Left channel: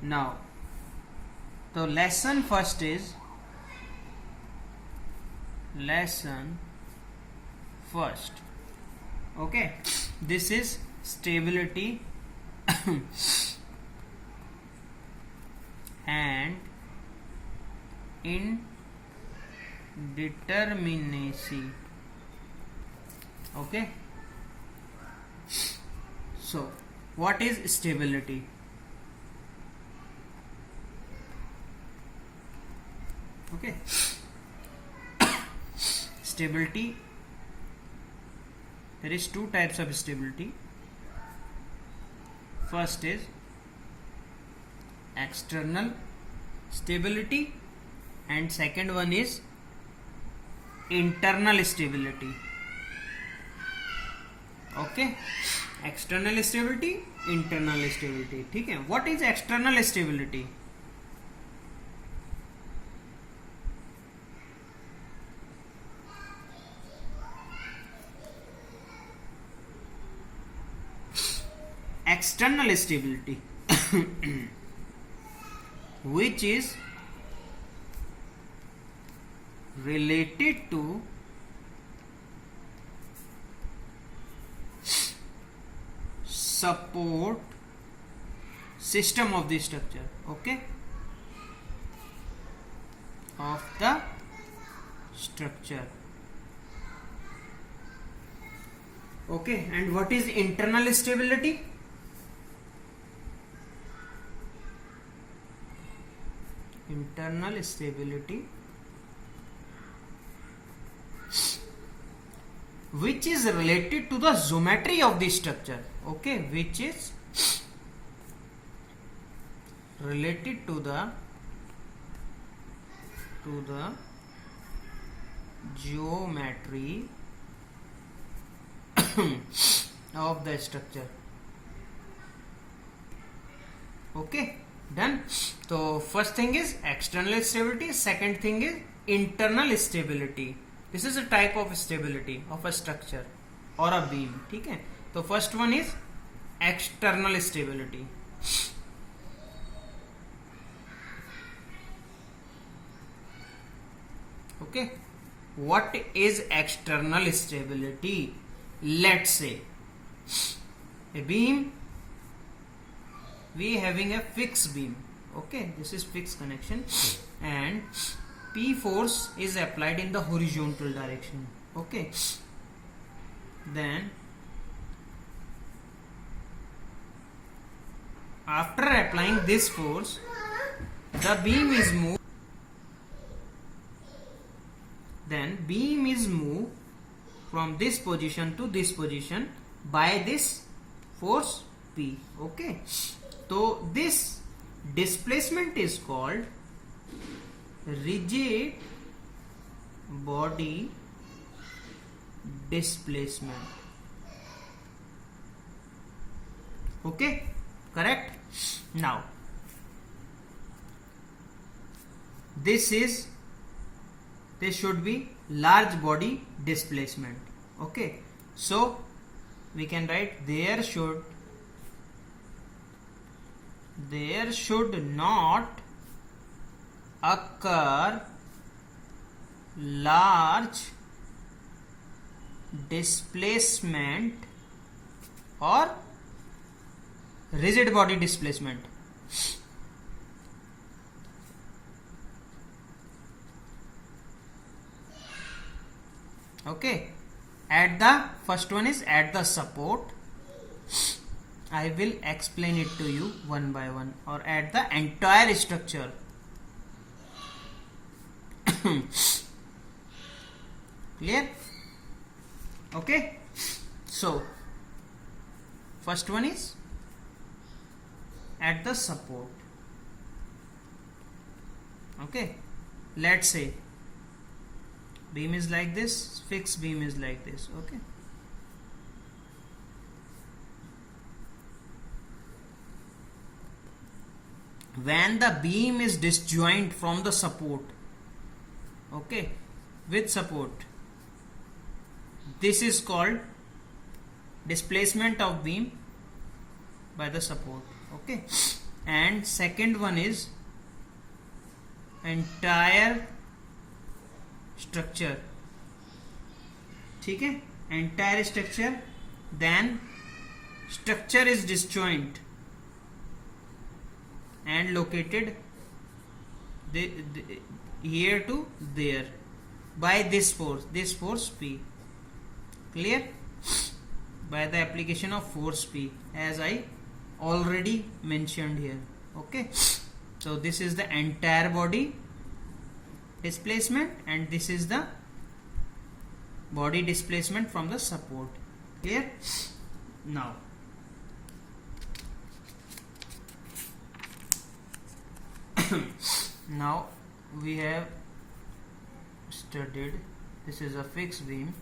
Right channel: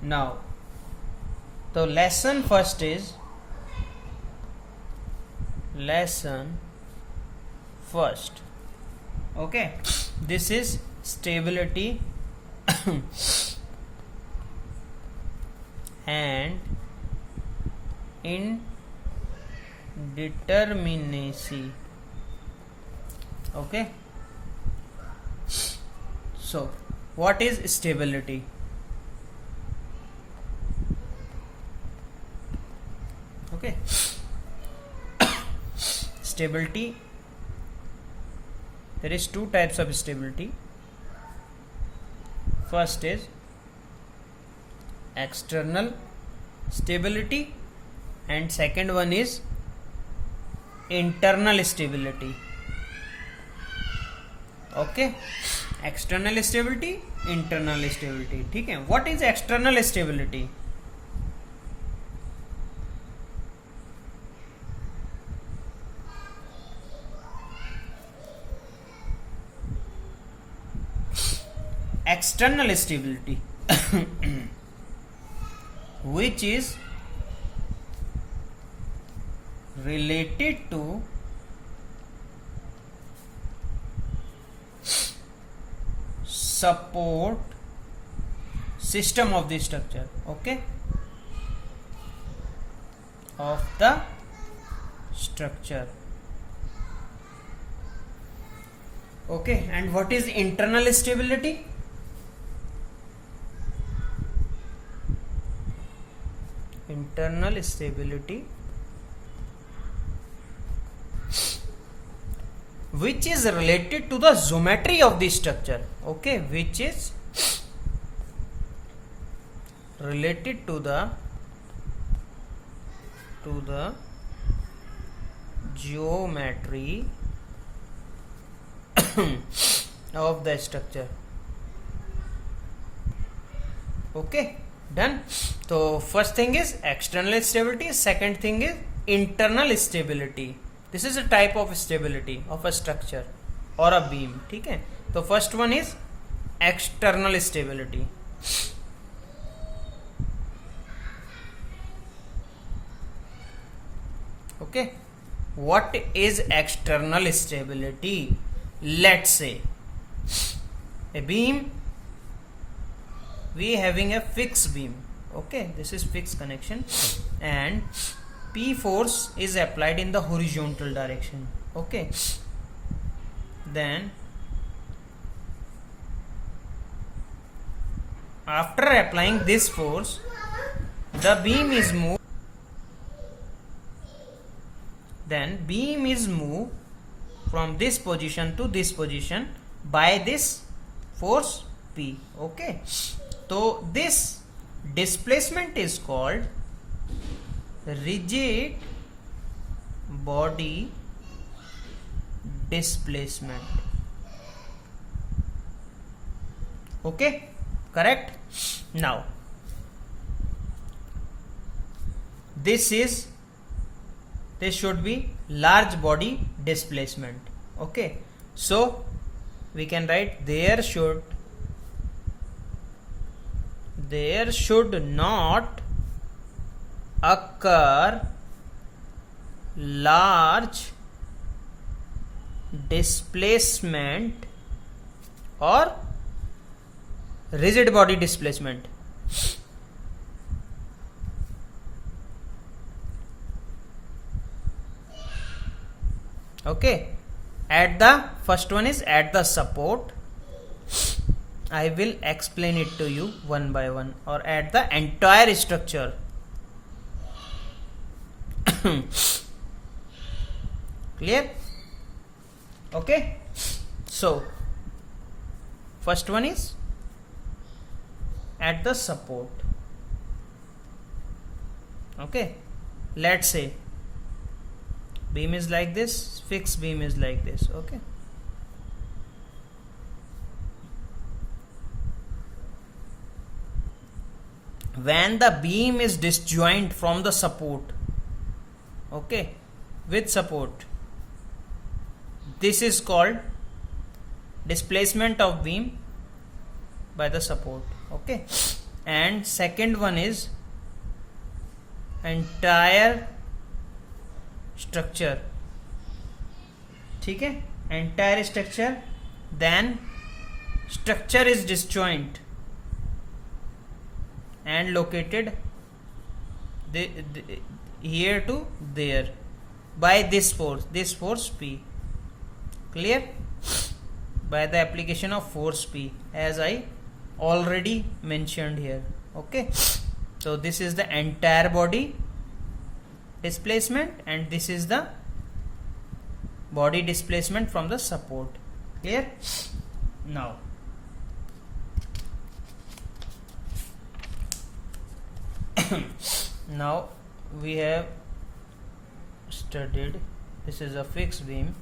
Now, the lesson first is lesson first. Okay, this is stability and indeterminacy. Okay, so what is stability? Okay, stability, there is two types of stability. First is external stability and second one is internal stability. Okay, external stability, internal stability. ठीक है, what is external stability? External stability which is related to support system of the structure. Okay, of the structure. Okay, and what is internal stability? Internal stability which is related to the geometry of the structure. Okay, which is related to the geometry of the structure. Okay, done. So first thing is external stability, second thing is internal stability. This is a type of stability of a structure or a beam. ठीक है, तो first one is external stability. Okay, what is external stability? Let's say a beam, we having a fixed beam. Okay, this is fixed connection and P force is applied in the horizontal direction. Okay, then after applying this force, the beam is moved. Then beam is moved from this position to this position by this force P. Okay, so this displacement is called rigid body displacement. Okay, correct. Now this should be large body displacement. Okay, so we can write there should not occur large displacement or rigid body displacement. Okay, at the first one is at the support. I will explain it to you one by one, or at the entire structure. Clear? Okay, so first one is at the support. Okay, let's say beam is like this, fixed beam is like this. Okay, when the beam is disjoint from the support, okay, with support, this is called displacement of beam by the support. Okay, and second one is entire structure. ठीक है, entire structure, then structure is disjoint and located here to there by this force P. Clear? By the application of force P, as I already mentioned here. Okay, so this is the entire body displacement and this is the body displacement from the support. Clear? Now now we have studied this is a fixed beam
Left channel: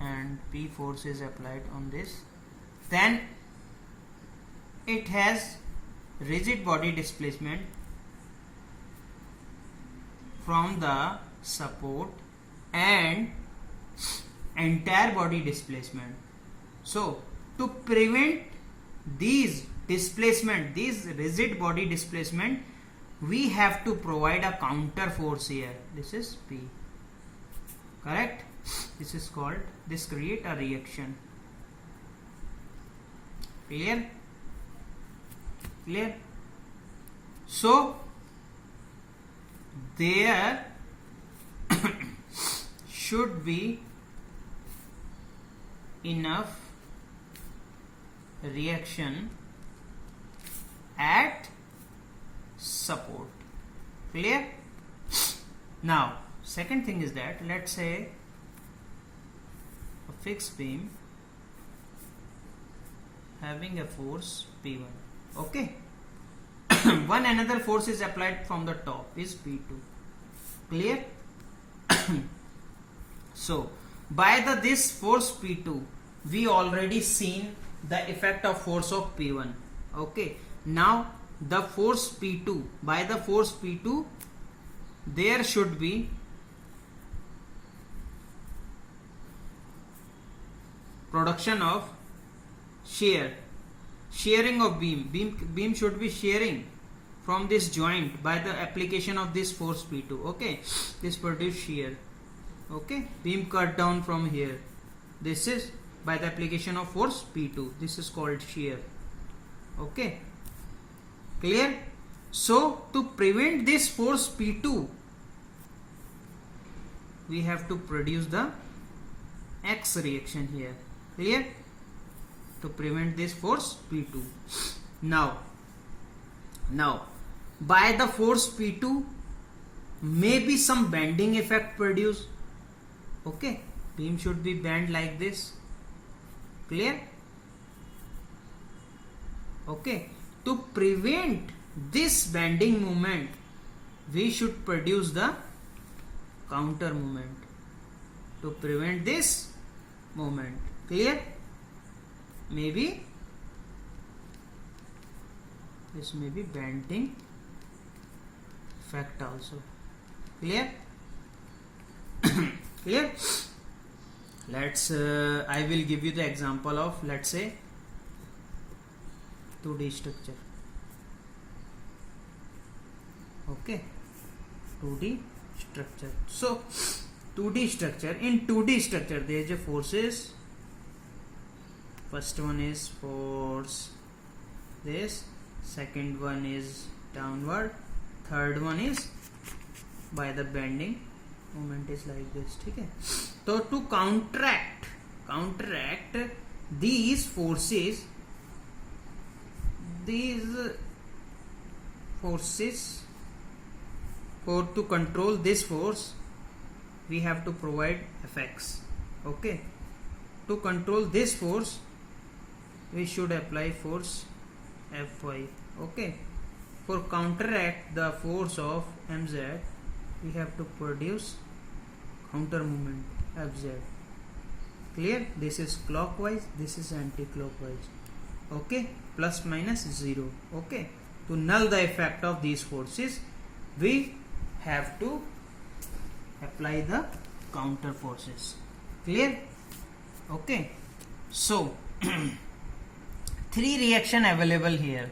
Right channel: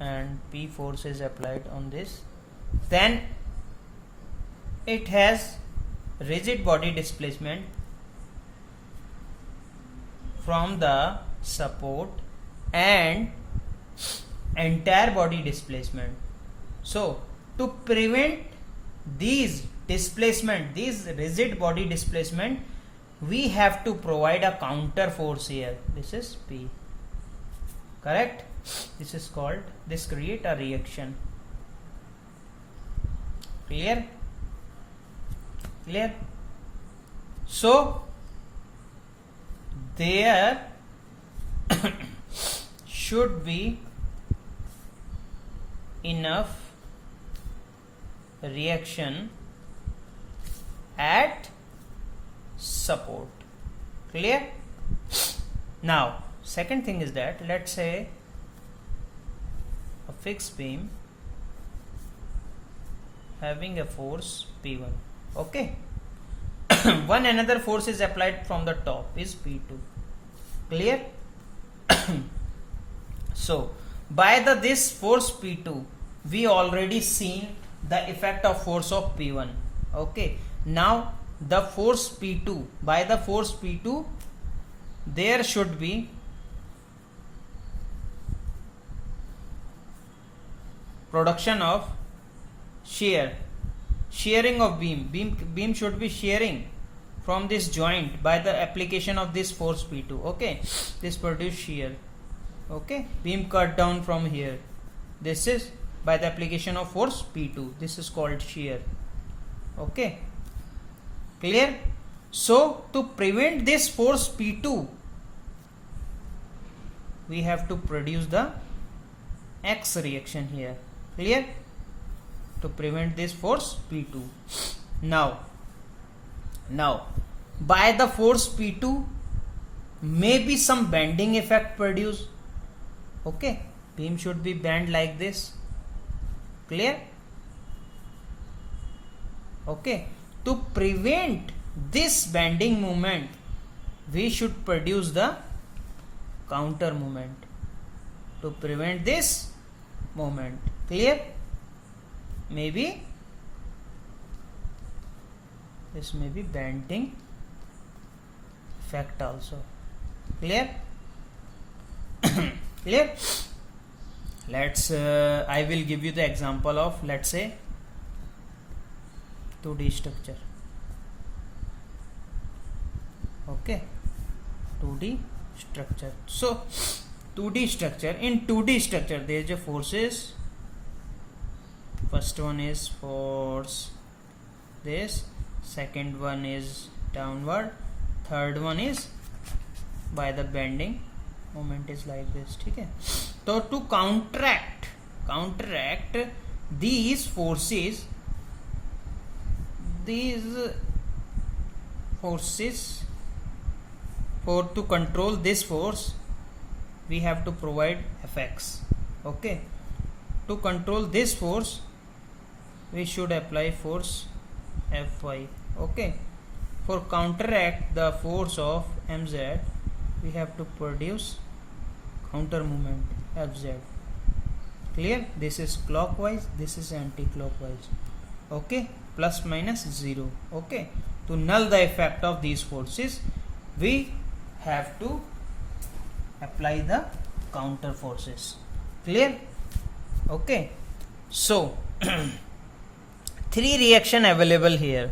and P force is applied on this, then it has rigid body displacement from the support and entire body displacement. So to prevent these displacement, these rigid body displacement, we have to provide a counter force here. This is P. Correct? This is called, this create a reaction. Clear? Clear? So there should be enough reaction at support. Clear? Now second thing is that, let's say a fixed beam having a force P1. Okay. One another force is applied from the top is P2. Clear? So by this force P2 we already seen the effect of force of P1. Okay, now the force P2, by the force P2 there should be production of shearing of beam should be shearing from this joint by the application of this force P2. Okay, this produce shear. Okay, beam cut down from here, this is by the application of force P2, this is called shear. Okay, clear? So to prevent this force P2 we have to produce the X reaction here. Clear? To prevent this force P2. Now by the force P2 maybe some bending effect produced. Okay, beam should be bent like this. Clear? Okay, to prevent this bending moment we should produce the counter moment to prevent this moment. Clear? Maybe this may be bending effect also. Clear? Clear? Let's I will give you the example of, let's say, 2D structure. Okay, 2D structure. So 2D structure, in 2D structure there is a forces. First one is force this, second one is downward, third one is by the bending moment is like this. Okay, so to counteract these forces, for to control this force we have to provide Fx. Okay, to control this force we should apply force Fy. Okay, for counteract the force of Mz we have to produce counter moment Fz. Clear? This is clockwise, this is anti-clockwise. Okay, plus minus 0. Okay, to null the effect of these forces we have to apply the counter forces. Clear? Okay, so 3 reaction available here.